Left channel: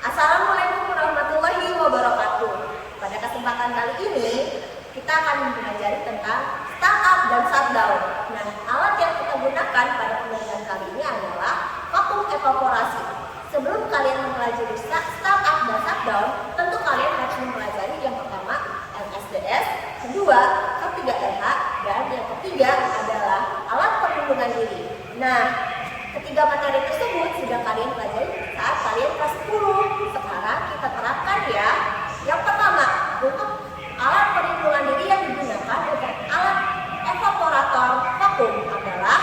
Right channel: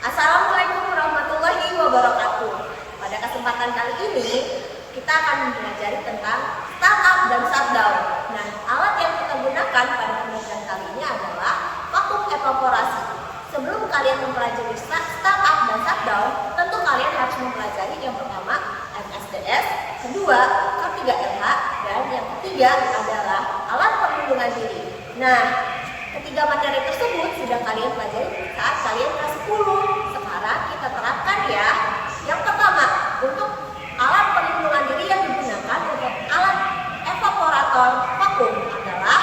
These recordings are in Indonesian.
Assalamualaikum warahmatullahi wabarakatuh. Pada kesempatan kali ini kita akan belajar tentang startup dan shutdown. Nah, alat yang kita gunakan pada pembelajaran kali ini adalah vakum evaporasi. Sebelum kalian mempelajari startup dan shutdown, tentu kalian harus mempelajari yang pertama MSDS, kedua K3LH, dan yang ketiga adalah alat perlindungan diri. Nah, ketiga materi tersebut sudah kalian pelajari saat kalian kelas 10. Sekarang kita terapkan ya. Yang pertama, untuk alat perlindungan diri yang digunakan untuk alat evaporator vakum adalah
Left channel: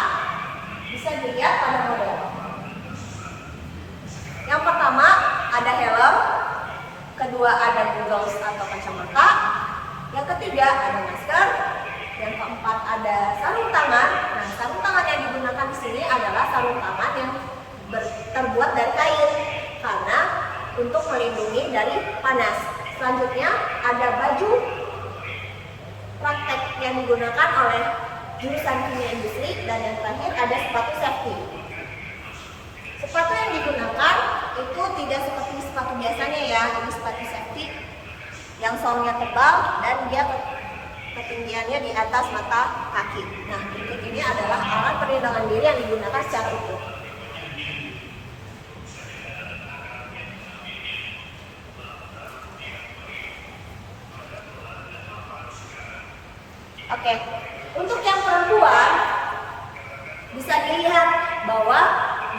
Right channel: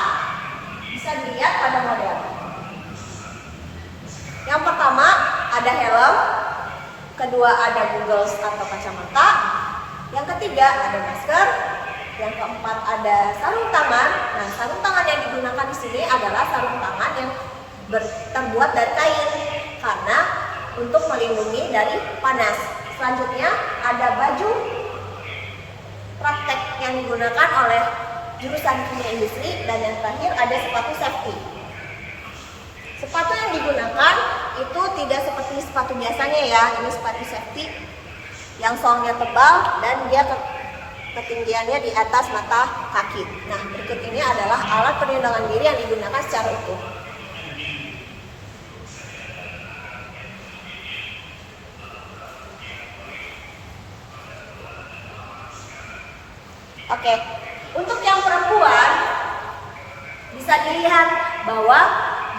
bisa dilihat pada model. Yang pertama ada helm, kedua ada goggles atau kacamata, yang ketiga ada masker, yang keempat ada sarung tangan. Nah, sarung tangan yang digunakan di sini adalah sarung tangan yang terbuat dari kain karena untuk melindungi dari panas. Selanjutnya ada baju praktek yang digunakan oleh jurusan kimia industri, dan yang terakhir ada sepatu safety. Sepatu yang digunakan itu tidak seperti sepatu biasanya ya. Ini sepatu safety yang solnya tebal dan dia ketinggiannya di atas mata kaki. Nah, berikut ini adalah alat perlindungan diri yang digunakan secara utuh. Oke, untuk yang perempuan bisa dilihat bahwa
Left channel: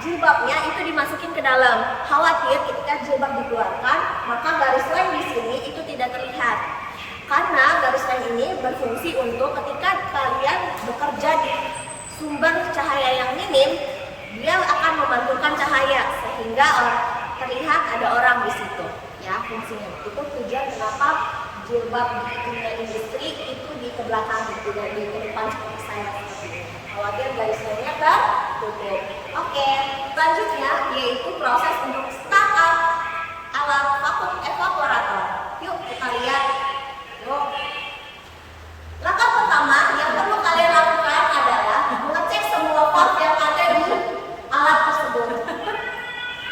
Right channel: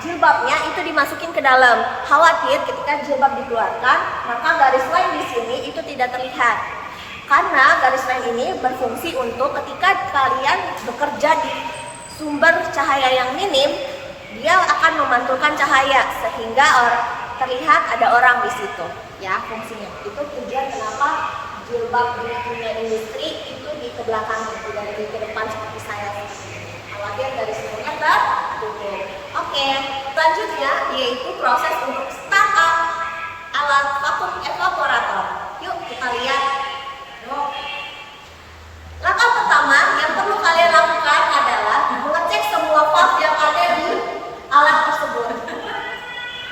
jilbabnya itu dimasukin ke dalam. Khawatir ketika jilbab dikeluarkan, maka garis line di sini itu tidak terlihat. Karena garis line ini berfungsi untuk ketika kalian bekerja di sumber cahaya yang minim, dia akan memantulkan cahaya sehingga terlihat ada orang di situ. Ya, fungsinya. Itu tujuan kenapa jilbab di kimia industri itu di belakang, tidak di depan seperti saya seperti ini. Khawatir garis line-nya tertutup. Oke, selanjutnya yaitu proses untuk startup alat vakum evaporator. Yuk kita lihat. Langkah pertama yang perlu kalian lakukan adalah mengecek semua valve yang ada di alat tersebut.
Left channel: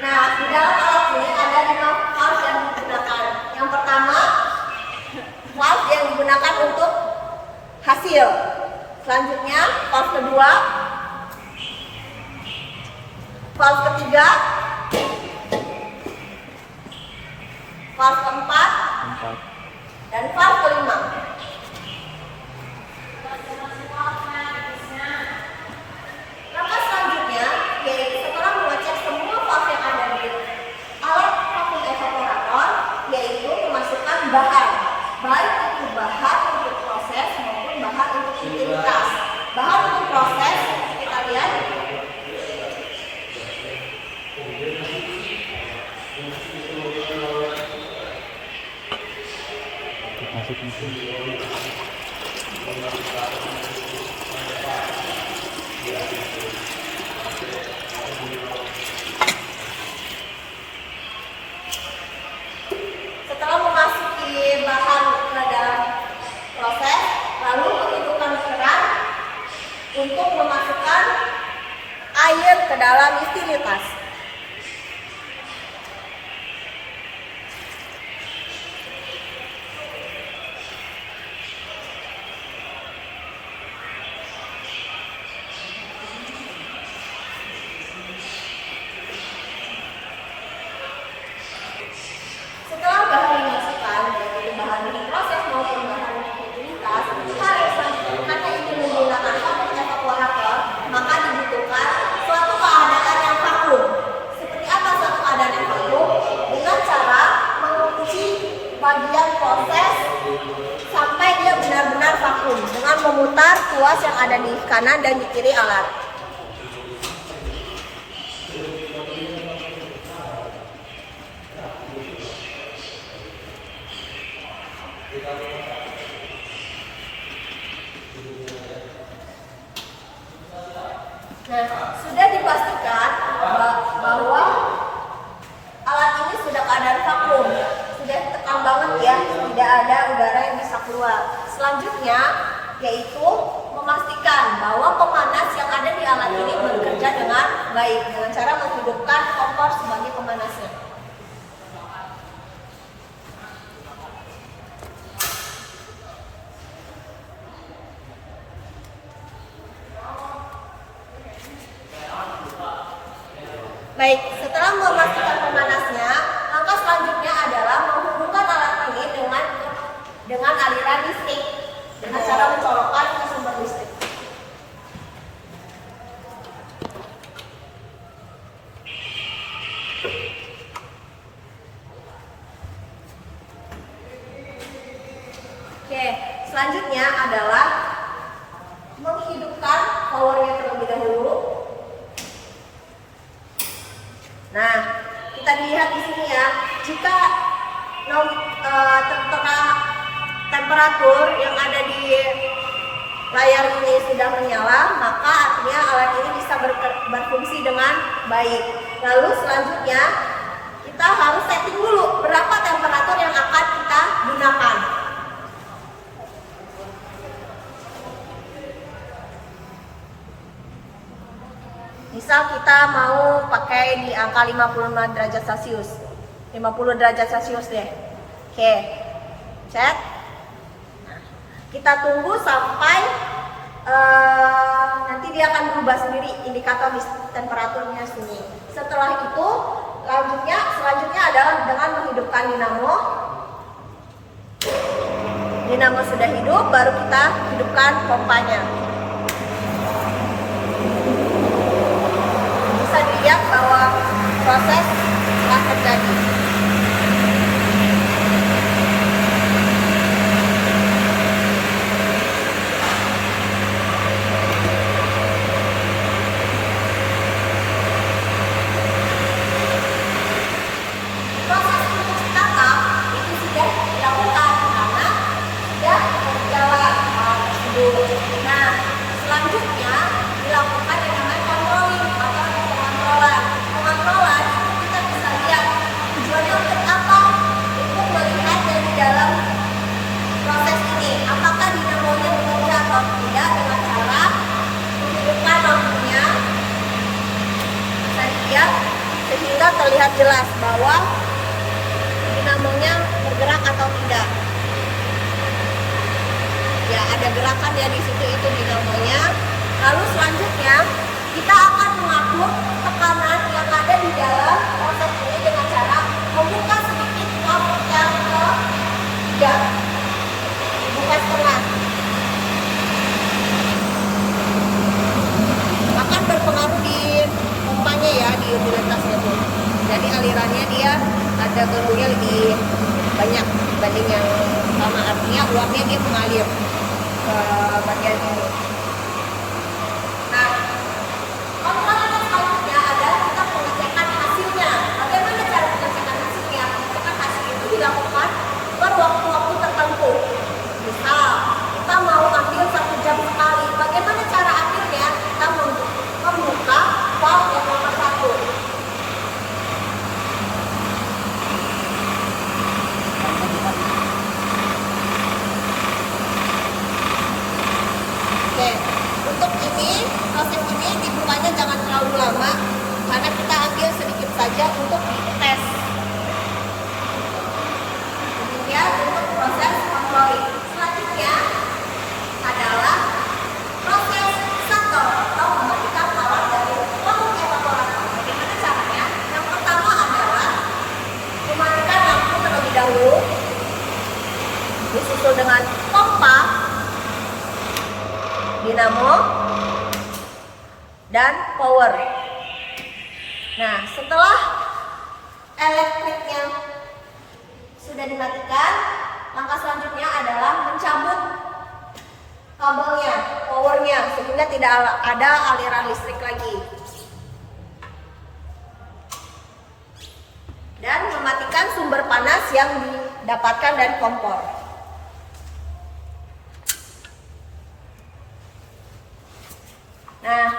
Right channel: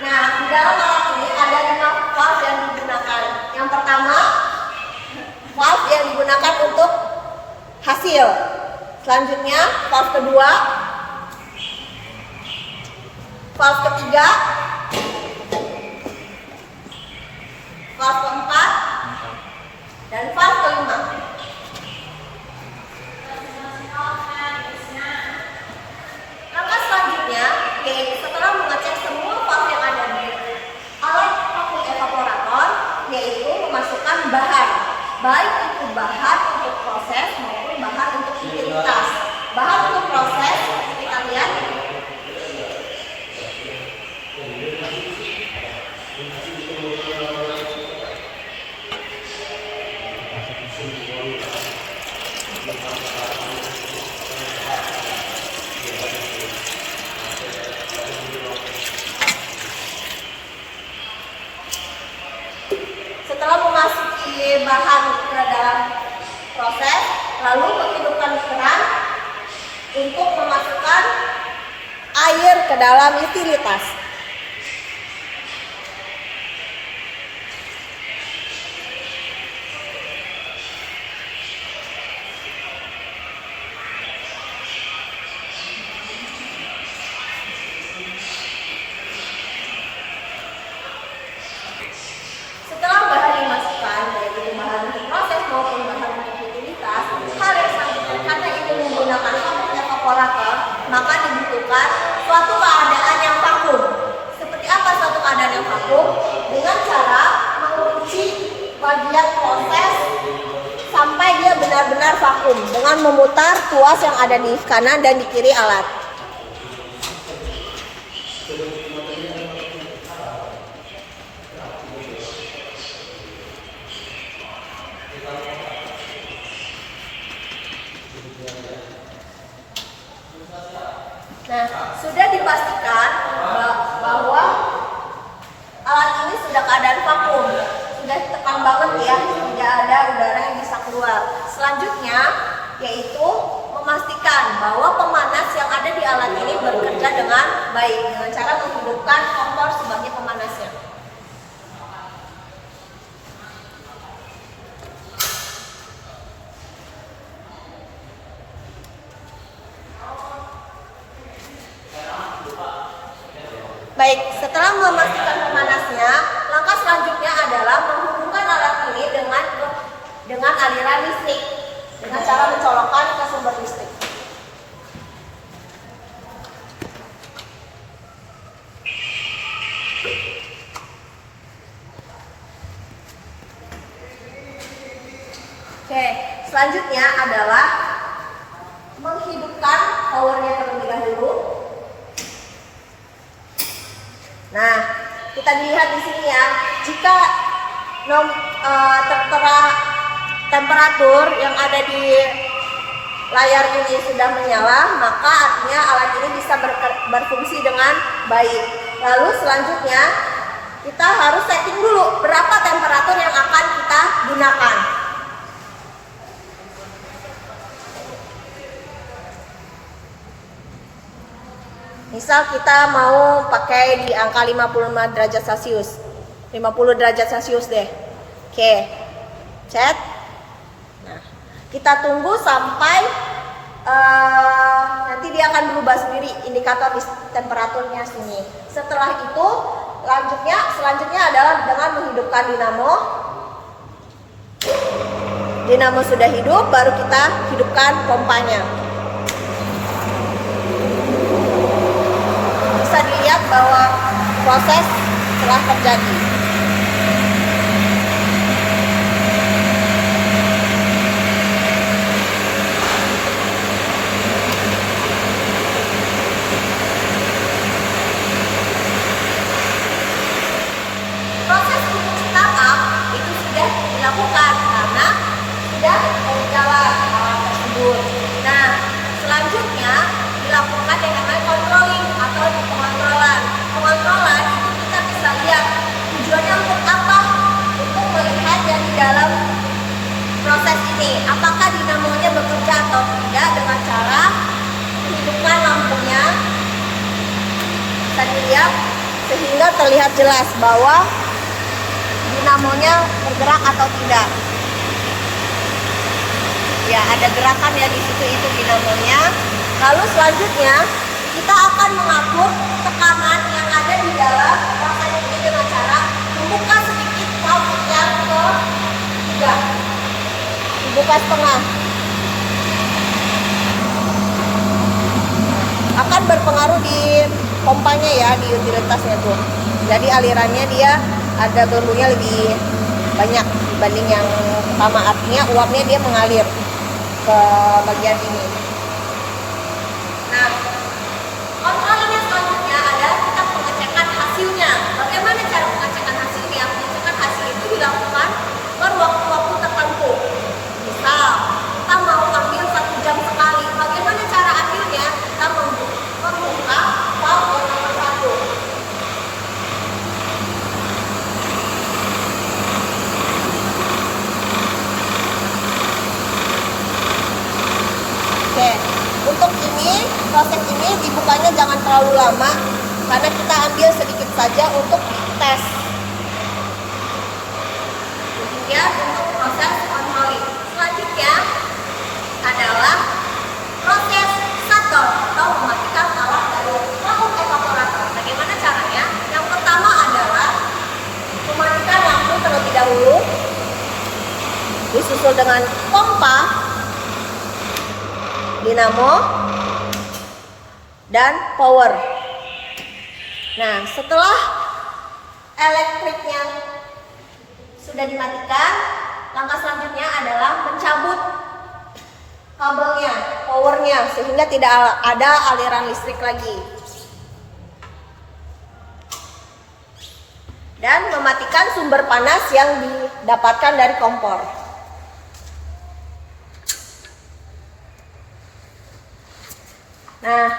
Nah, di dalam alat ini ada 5 valve yang digunakan. Yang pertama, valve yang digunakan untuk hasil. Selanjutnya, valve kedua, valve ketiga, valve keempat, dan valve kelima. Langkah selanjutnya yaitu setelah mengecek semua valve yang ada di alat vakum evaporator, yaitu memasukkan bahan, baik itu bahan untuk proses maupun bahan untuk utilitas. Bahan untuk proses kita lihat. Setelah memasuki bahan ke dalam proses, lalu menghidupkan keran untuk memasukkan air ke dalam utilitas. Setelah bahan dimasukkan, baik itu bahan untuk proses maupun bahan untuk utilitas, hal yang selanjutnya karena ini menggunakan vakum evaporator, maka dibutuhkan suatu keadaan yang vakum. Seperti apa suatu keadaan yang vakum? Dengan cara mengunci bagian proses sampai dia benar-benar vakum dengan memutar tuas yang ada di kanan dan di kiri alat. Nah, sudah dipastikan bahwa alat ini sudah keadaan vakum, sudah tekan banget ya, tidak ada udara yang bisa keluar. Selanjutnya yaitu memastikan bahwa pemanas yang ada di alat ini bekerja dengan baik dengan cara menghidupkan kompor sebagai pemanasnya. Selanjutnya adalah menghidupkan powernya terlebih dahulu. Nah, kita lihat di sini ya, jika tertera temperatur yang ada di layar ini sudah menyala, maka artinya alat ini bisa berfungsi dengan baik. Lalu selanjutnya kita harus setting dulu berapa temperatur yang akan kita gunakan. Misal kita mau pakai di angka 55 derajat Celcius, 50 derajat Celcius deh. Oke, set. Nah, kita tunggu sampai nanti dia akan berubah sendiri indikator temperaturnya sini. Setelah itu selanjutnya adalah dengan menghidupkan dinamo. Dinamo sudah hidup, baru kita hidupkan pompanya. Bisa dilihat bahwa proses telah terjadi. Proses untuk startup itu sudah dilakukan karena sudah berjalan tersebut. Nah, selanjutnya dilakukan yang namanya controlling atau pengontrolan. Pengontrolan itu kita bisa lihat tujuannya untuk apa? Untuk melihat dari dalam proses ini, apakah dinamonya bekerja atau tidak dengan cara menghidupkan lampunya. Bisa dilihat sehingga terlihat jelas bahwa dinamonya bergerak atau tidak. Ya, ada gerakan ya di situ, itu dinamonya. Lalu selanjutnya kita akan mengatur tekanan yang ada di dalam proses ini dengan cara membuka sedikit valve yang ketiga, dibuka setengah. Akan berpengaruh di pompanya ya, di utilitasnya tuh. Jadi alirannya dia ada berbunya lebih banyak dibanding yang sama, artinya uapnya dia mengalir ke bagian ini. Nah, kontrol ini selanjutnya adalah kita pengecekan hasilnya. Bagaimana cara pengecekan hasilnya? Pengecekan hasil itu dilakukan per waktu-waktu tertentu. Misal kita mau ambil 1 jam sekali. Bagaimana cara ambilnya? Kita membuka valve yang nomor 1. Oke, untuk ini proses ini dibukanya jangan terlalu lama karena kita ambil sedikit saja untuk tes. Demikian untuk proses controlling. Selanjutnya adalah proses shutdown atau mematikan alat dari lampu evaporator. Bagaimana caranya? Yang pertama adalah mematikan lampu terlebih dahulu, disusul dengan pompa, dinamo, dan power. Nah, setelah elektriknya sudah dimatikan, langkah selanjutnya adalah mencabut kabelnya, powernya, sehingga tidak ada aliran listrik lagi. Dan mematikan sumber panas yang didapatkan dari kompor. Nah,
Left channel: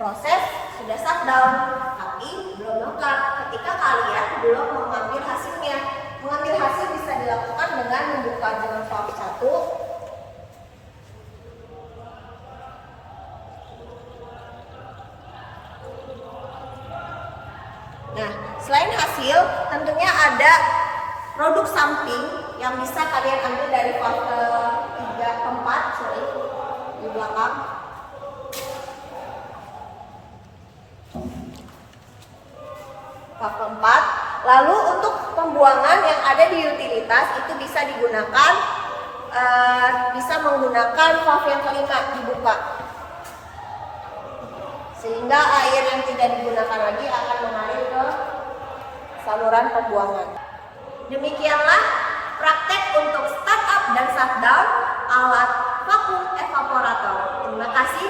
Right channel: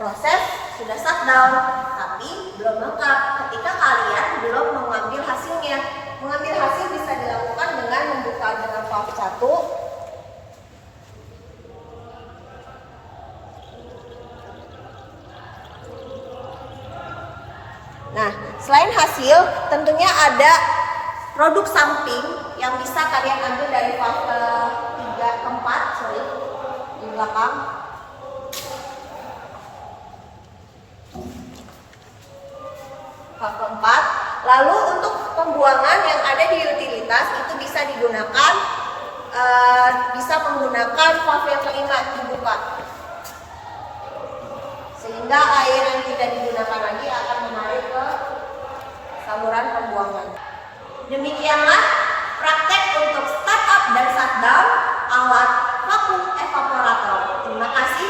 proses sudah shutdown, tapi belum lengkap ketika kalian belum mengambil hasilnya. Mengambil hasil bisa dilakukan dengan membuka dengan valve 1. Nah, selain hasil, tentunya ada produk samping yang bisa kalian ambil dari valve keempat, di belakang. Valve keempat. Lalu untuk pembuangan yang ada di utilitas itu bisa digunakan, bisa menggunakan valve yang kelima dibuka, sehingga air yang tidak digunakan lagi akan mengalir ke saluran pembuangan. Demikianlah praktek untuk startup dan shutdown alat vakum evaporator. Terima kasih.